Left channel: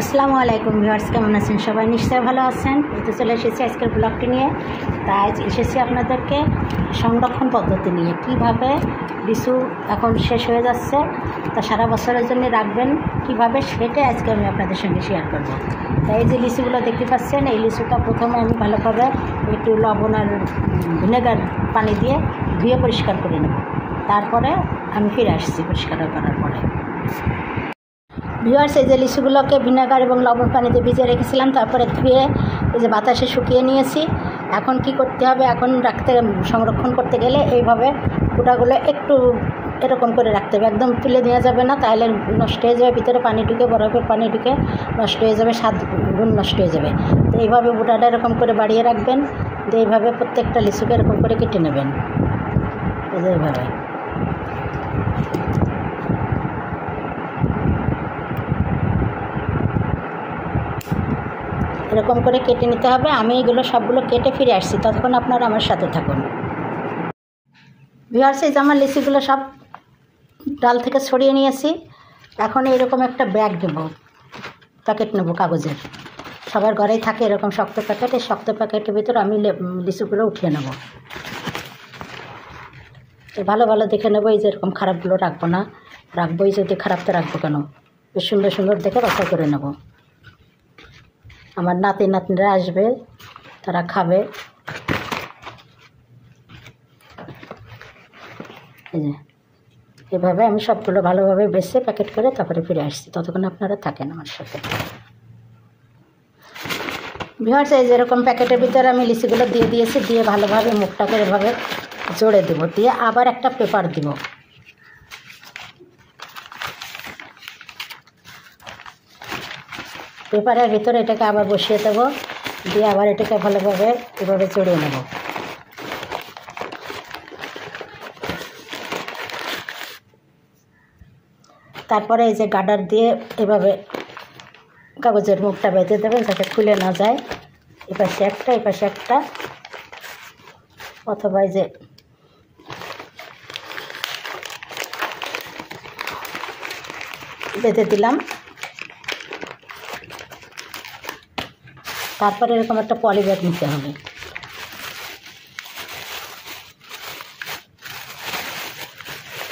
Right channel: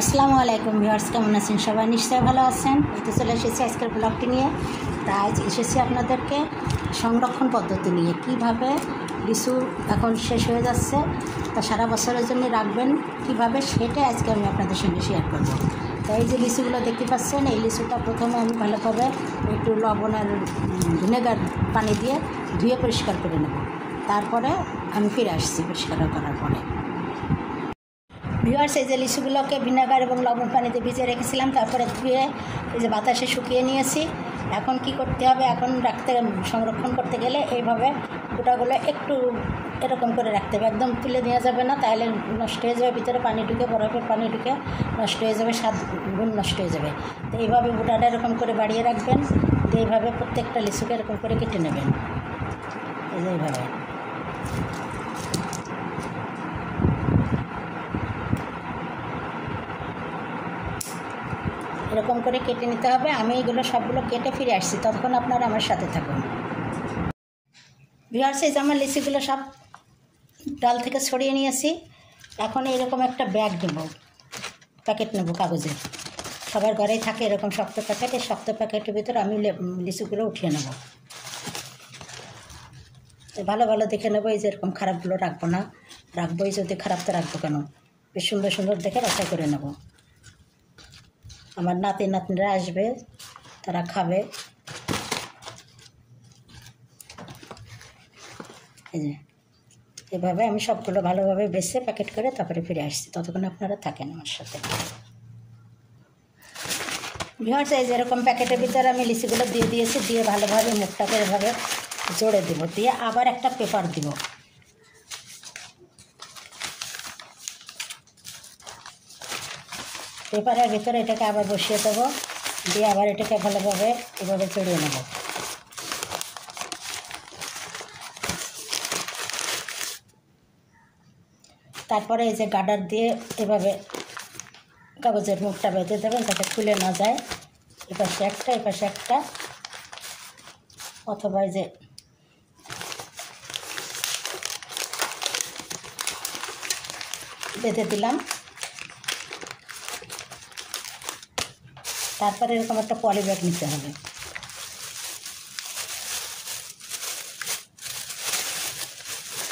আসসালামু আলাইকুম ভিউয়ার্স, কেমন আছেন সবাই? নিশ্চয়ই ভালো আছেন। তো চলে এসেছি আজকের ব্লগটি নিয়ে। তাই এসেছি আপনাদেরকে সংরক্ষণ পদ্ধতি নিয়ে, কিভাবে লিচু এখন শেষ হয়ে যাচ্ছে তা সারা বছরের জন্য রাখবেন কিভাবে, সেটা আজকে আমি আপনাদের সঙ্গে শেয়ার করব। তাই এই যে লিচুগুলো দেখতে পাচ্ছেন, এই লিচুটা প্রথমে আমি ভালোভাবে একটু লবণ আর ভিনেগার পানি দিয়ে ধুয়ে পরিষ্কার করে নেব। তারপরে আমি ফিরে আসছি পরিষ্কার করার পরে। ভিউয়ার্স, এই যে লিচুগুলোকে ভিনেগার এবং লবণ পানিতে ভিজিয়ে রেখেছিলাম, তারপরে ধুয়ে এই যে বাতাসে শুকিয়ে নিয়েছি। এখন কি করতে হবে, এখন সংরক্ষণ করতে গেলে এইভাবে গোটাগুলো একটু এরকম করে রাখতে হবে, একদম তুলে দেওয়া যাবে না, তাহলে নষ্ট হয়ে যাবে, ভিতরে পানি ঢুকে বরফের পানি ঢুকে নষ্ট হয়ে যাবে, স্বাদ গুণ নষ্ট হয়ে যাবে। তো এইভাবে গোটাটা এরকম করে বাড়িয়ে রাখবেন। তো এইভাবে প্রত্যেকটা লিচুকে এরকম করে কেটে নেবেন, এই যে এইভাবে। এরকম করে কেটে নিতে হবে। আমি এগুলো সবগুলো কেটে ফিরে আসছি, ততক্ষণ আপনারা আমার সাথে থাকুন। ভিউয়ার্স, এই যে আমার লিচিগুলো সব ডাল থেকে ছড়িয়ে নিয়েছি। এখন এরকম একটা ব্যাগ নেব, প্যাকেট নেব কাগজের। সবার ঘরেই থাকে এরকম শক্ত প্যাকেট। এই শক্ত প্যাকেটের ভিতর আমি লিচুগুলো উঠিয়ে নেব। ভালো ভালো দেখে নেবো, এই যে এরকম খারাপগুলো রাখবো না, রাখবো এই যদি খারাপটা রাখবো কেন, বেশ সুন্দর সুন্দর দেখে বাছাই করে নেব। আমার নাতি নাতনিরা আসবে, তারা খাবে। এই যে এভাবে আমি সবগুলো ভালোভাবে বেছে প্যাকেট করে তারপরে ফিরে আসছি, ততক্ষণ আপনারা থাকেন আমার সাথে। ভিউয়ার্স, এই যেরকম প্যাকেটের ভিতরে আমি লিচিগুলো দিয়ে দিয়েছি, দিয়ে ভালোভাবে মুখটাকে এভাবে জোড়ে দেবো, দিয়ে আবার একটা পেপার দিব। পেপারের ভিতরে এটাকে আবার বসিয়ে দেবো, দিয়ে আবার এটাকে ভালোভাবে এভাবে জড়িয়ে নেব। তারপরে এই যে গার্ডার দিয়ে এভাবে কাগজের মুখটা বেঁধে দেবেন যাতে খুলে না যায়। এপাশে একটা এপাশে একটা, অথবা এই যে বেঁধে দিলাম। তারপরে এরকম একটা পলি ব্যাগ নিতে হবে।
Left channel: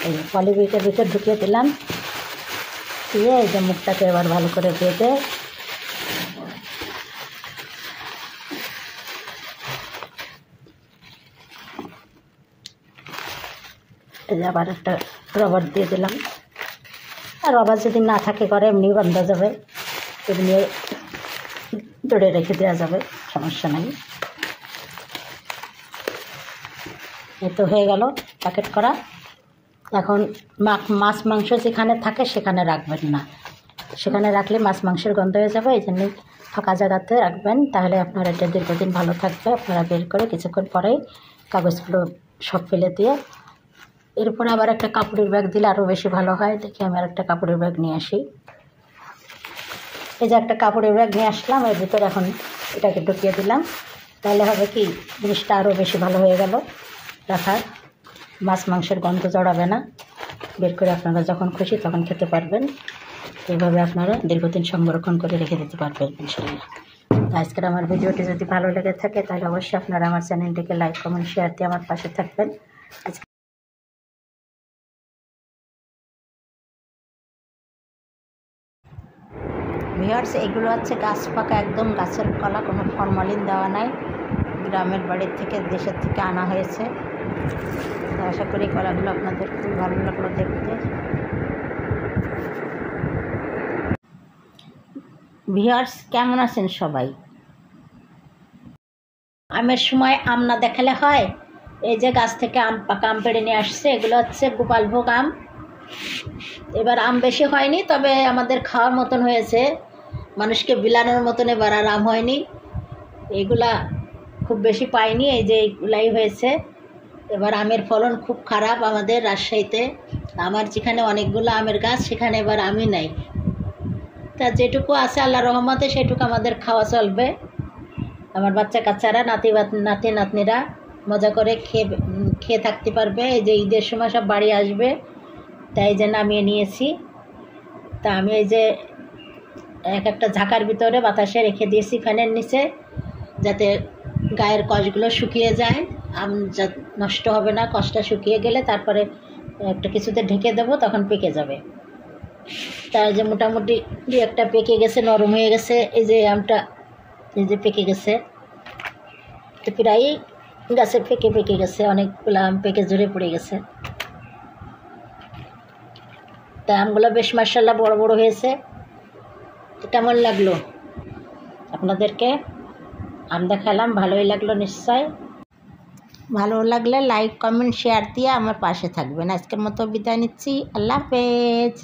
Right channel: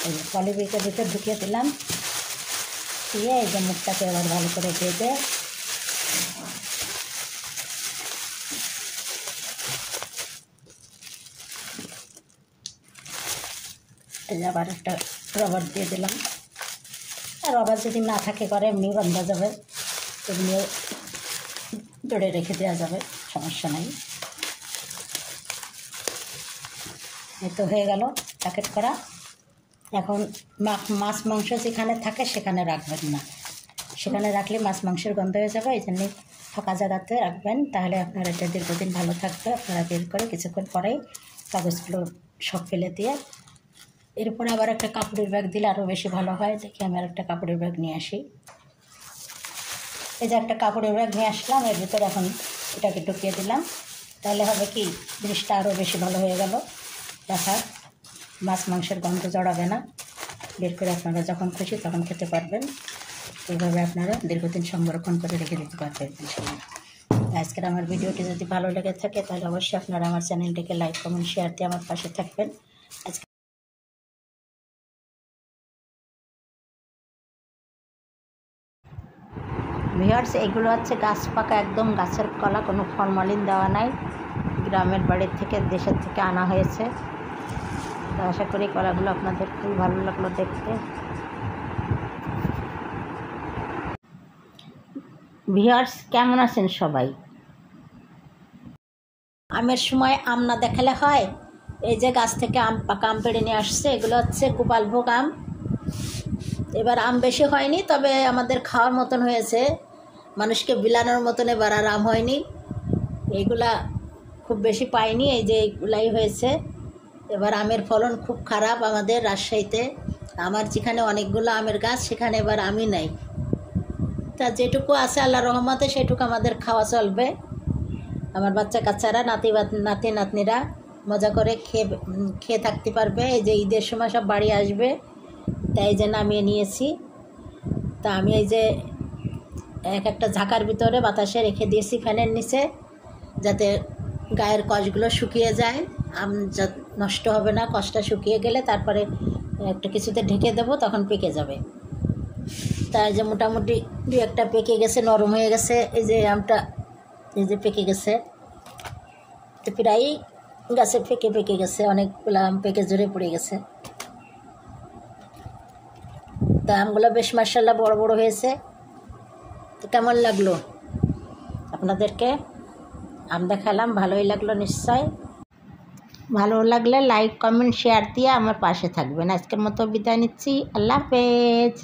এই পলি ব্যাগের ভিতর ঢুকিয়ে দিলাম, দিয়ে এই যে মুখটাকে এবার ভালো করে বেঁধে এই যে আবার একটা রবার দিয়ে দিলাম। আর রবার যদি না থাকে ঘরে এমনি বাঁধা যাবে, এমনি দড়ে রেখে দেওয়া যাবে, সমস্যা নেই। এ তো হয়ে গেল প্যাকেট করা। এখন মাছ মাংস যেখানে থাকে সেখানে রাখবেন না, সেখানে রাখলে মাছ মাংসের গন্ধ হয়ে যাবে। এই জন্য ফাঁকা জায়গাতে রাখবেন, তাহলে আপনার এটা দীর্ঘদিন ভালো থাকবে। আপনারা বের করে কিছুক্ষণ পরেই কাগজগুলো সব ফেলে দিয়ে এরপরে আবার একটা কাপড়ের ব্যাগ দিলে আরও বেশি ভালো হয়। দেখি আমি আর একটা কাপড়ের ব্যাগ নিয়ে আসি। এই যে একটা কাপড়ের ব্যাগ নিয়ে আসলাম, এর ভিতরে এখন এটাকে ঢুকিয়ে দিলাম, তাহলে হবে কি জিনিসটা আরও বেশি ভালো হয়ে গেল রাখার। মাছ মাংসের গন্ধ জড়াবে না, বের করে আপনারা যখন খুশি তখন খেতে পারবেন। এইভাবে আপনারা দীর্ঘদিন সংরক্ষণ করে রেখে দিতে পারবেন ইনশাআল্লাহ। আজকের আমার ভিডিওটি যদি ভালো লেগে থাকে তাহলে অবশ্যই আপনারা আমার চ্যানেলটিকে লাইক কমেন্ট শেয়ার দিয়ে আমার পাশে থাকবেন। ভিউয়ার্স, এগুলো হচ্ছে গাছ পাকা একদম গাছের কলা, কোনো ফরমালিন দেওয়া নাই, গ্রামের বাড়ির থেকে দেশের থেকে আনা হয়েছে। তো আশা করি কলাগুলো আপনাদের খুবই ভালো লাগলো দেখতে। ভিউয়ার্স, কেমন আছেন সবাই? আমের সময় আম না দেখালে হয়? এই যে গাছ থেকে আম পাকা আম পেড়ে নিয়ে আসছে, এগুলো হচ্ছে গোপালভোগ আম। এবার আম বেশি হয়নি, তবে আমাদের খাওয়ার মতন হয়েছে, মানুষকে বিলানোর মতন এবার আর আম হয়নি। এগুলা খুব বেশি পাইনি, এই যে এইগুলাই হয়েছে। এবার আমের ফলন খুব খারাপ আমাদের রাজশাহীতে। আমার যেখানে অনেকগুলো আমের গাছ, সেখানে এবার আমি নাই। তা যেটুকু আছে আল্লাহ রহমতে সেটুকু আমাদের খাওয়া চলবে। আমার বাচ্চা কাচ্চারা নাতি নাতনিরা মজা করে খেয়ে থাকতে পারবে। এই যে ঈদের সময় সব বাড়ি আসবে, তাই যে নামিয়ে নিয়েছি। তা আমি এই যে এক একটা ঝাঁকার ভিতরে বাতাসে রেখে দিয়েছি ফ্যানের নিচে, যাতে গায়ের কষগুলো শুকিয়ে যায়, আম যা নষ্ট হবে না। কষটা শুকিয়ে গেলে তারপরে একটা কিছুতে ঢেকে দেবো, তখন পেকে যাবে। তাই যে মোটামুটি দু একটা পেকে গেছে, নরম হয়ে গেছে। এই যে আমটা এই যে পেকে গেছে, তো প্রায় গাছে পেকে গেছে, অনেকগুলো আম পেকে ঝরে পড়ে গেছে। তা আমগুলো বেশ মাশাআল্লাহ বড় বড় হয়েছে। তো কেমন লাগলো আপনাদেরকে? আম দেখালাম, ভালোই লাগলো নিশ্চয়। ভালো লাগলে লাইক কমেন্ট শেয়ার দিয়ে আমার পাশে থাকবেন। আজকের মতো বিদায় নিচ্ছি। আল্লাহ হাফেজ।